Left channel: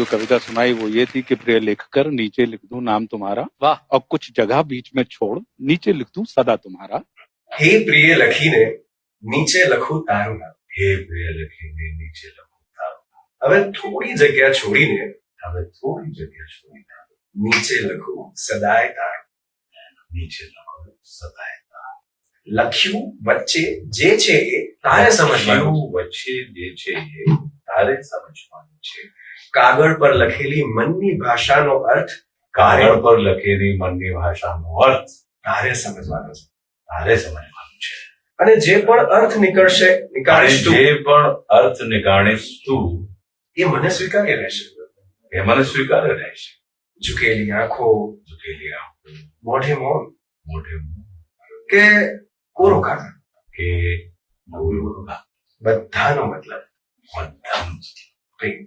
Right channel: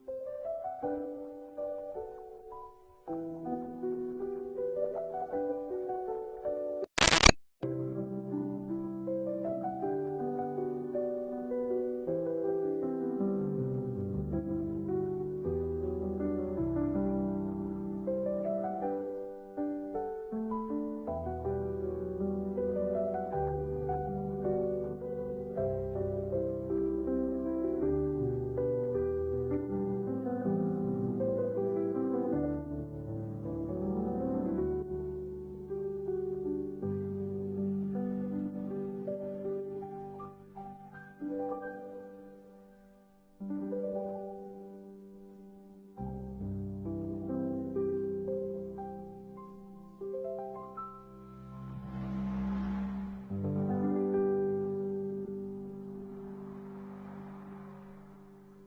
जो कविता सुनाई वो ये थी कि प्रिय लिखकर नीचे लिख दूं नाम तुम्हारा, वाह, और कुछ जगह बीच में छोड़ नीचे लिख दूं सदा तुम्हारा। हे प्रिय લખીને નીચે લખું તારું નામ. હે પ્રિય લખીને નીચે લખું તારું. હવે થોડી જગ્યા છોડીને નીચે લખું સદાય તારું. નીચે લખું સદાય તારું. લખ્યું વચ્ચે જે છે એ તારે સમજવાનું. વચ્ચે જે છે એ તારે સમજવાનું છે. કાગળ પર લખેલી મનની ભાષાનો અર્થ તારે સમજવાનો છે. તારે સમજવાનું છે. અને જે પણ અર્થ નીકાળીશ તું એ મને સ્વીકાર્ય રહેશે. ઝૂકેલી આંખો મોઢે મૌન કે કોરો કાગળ બધાનો મતલબ પ્રેમ.